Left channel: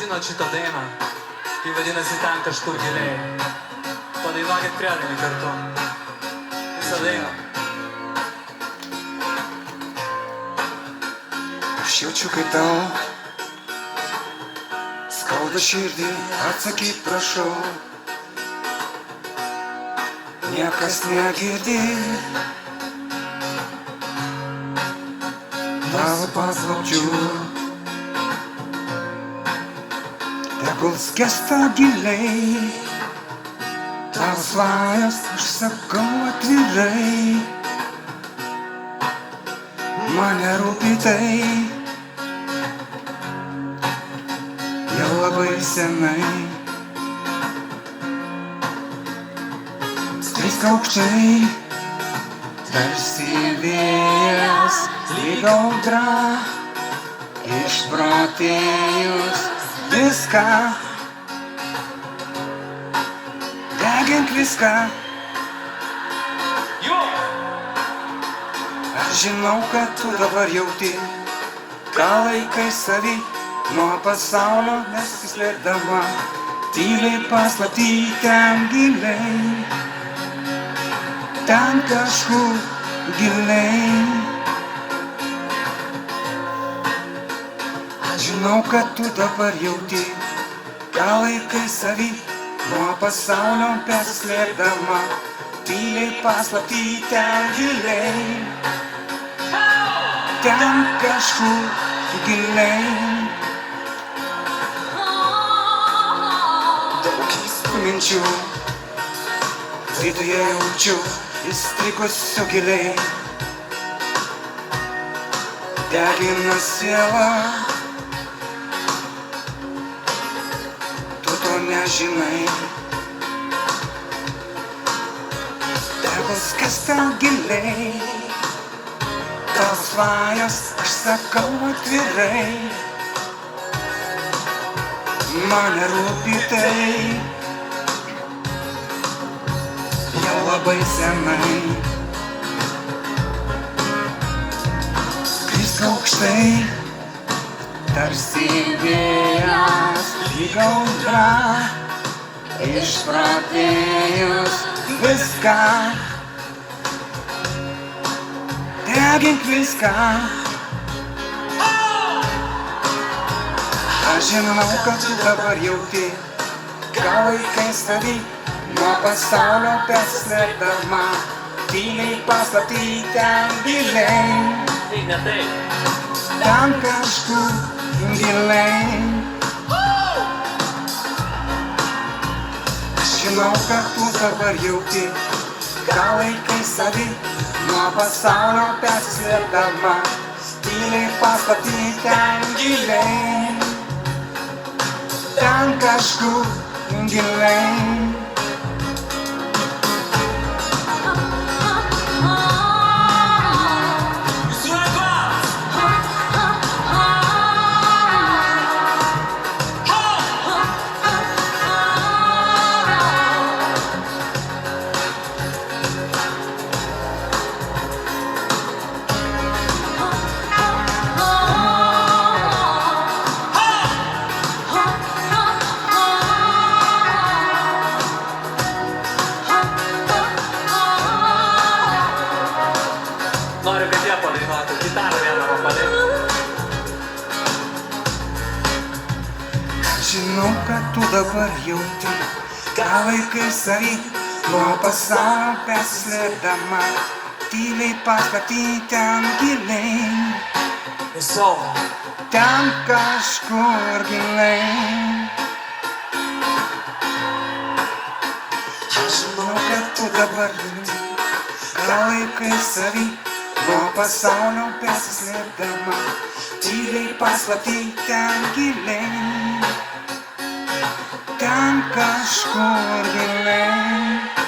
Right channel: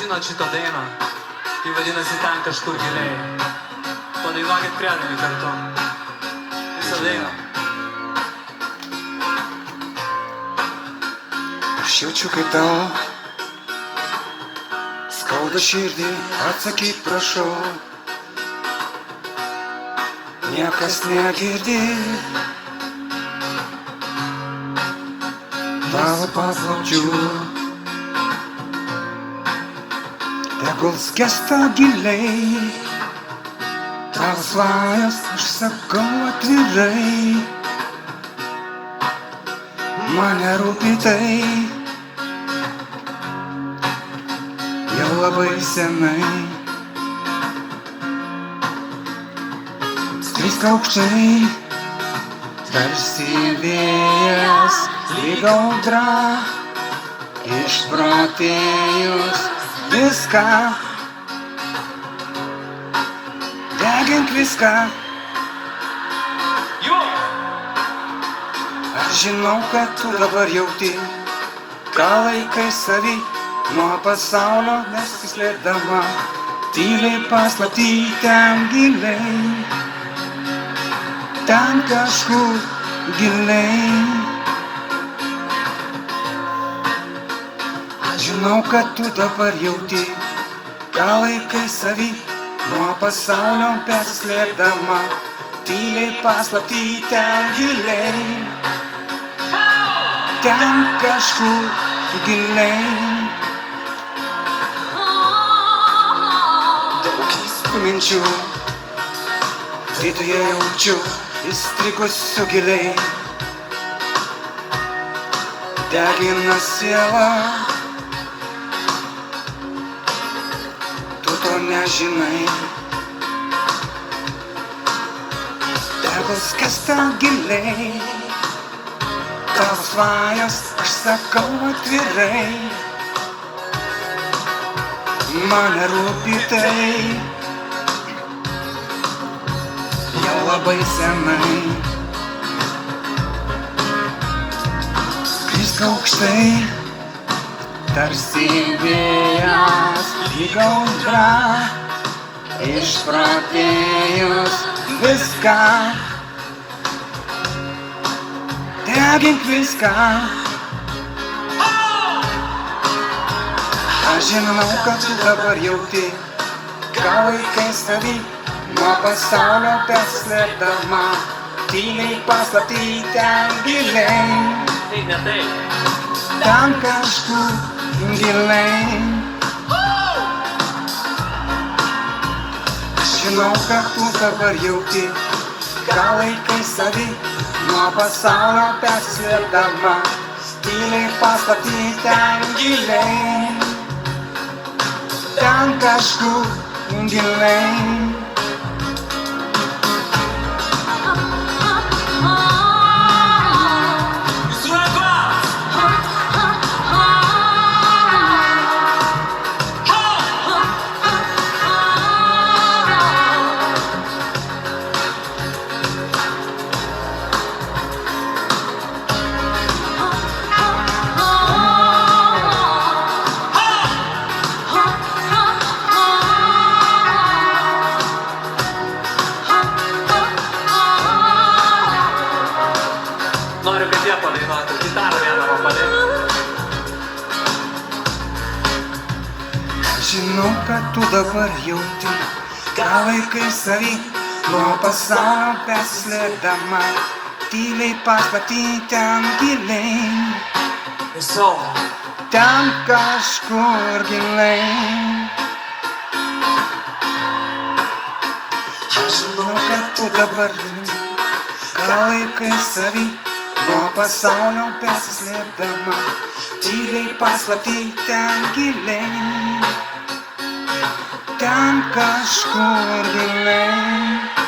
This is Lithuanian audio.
žinot šitą dainą, ji vadinasi Ten kažkur giliai. Padainuokit priedami kartu. Visą dainą. Aš jaučiu kaip tau skauda širdį, atsakyk prašau. Niekas negirdi tavo paslapčių. Tegul skęsta giliai tavo svajos, aš sakau atvirai. Mane rūpi tai jau labai senai. Skrisk aukštai, tarsi vėjas, lyg audra, išprotėjus viską. Degink viską. Aš žinau, kad tu dabar jauti, ką laikai savy nuo pasaulio nesislėpdama. Tyliai paslapty ten giliai, ten kažkur giliai. Aš žinau, kad tu dabar jauti, ką laikai savy nuo pasaulio nesislėpdama. Tyliai paslapty ten giliai, ten kažkur giliai. Daug minčių viduje jaučiu, įstrigusiu giliai. Degina sielą, tu to nežinai. Tegul skęsta giliai tavo svajos, aš sakau atvirai. Mane rūpi tai jau labai senai. Skrisk aukštai, tarsi vėjas, lyg audra, išprotėjus viską. Degink viską. Aš žinau, kad tu dabar jauti, ką laikai savy nuo pasaulio nesislėpdama. Tyliai paslapty ten giliai, ten kažkur giliai. Aš žinau, kad tu dabar jauti, ką laikai savy nuo pasaulio nesislėpdama. Tyliai paslapty ten giliai, ten kažkur giliai. Noriu, kad jie padainuotų, gitarą vieną man padėtų. Aš žinau, kad tu dabar jauti, ką laikai savy nuo pasaulio nesislėpdama. Tyliai paslapty ten giliai, ten kažkur giliai. Aš žinau, kad tu dabar jauti, ką laikai savy nuo pasaulio nesislėpdama. Tyliai paslapty ten giliai, ten kažkur giliai.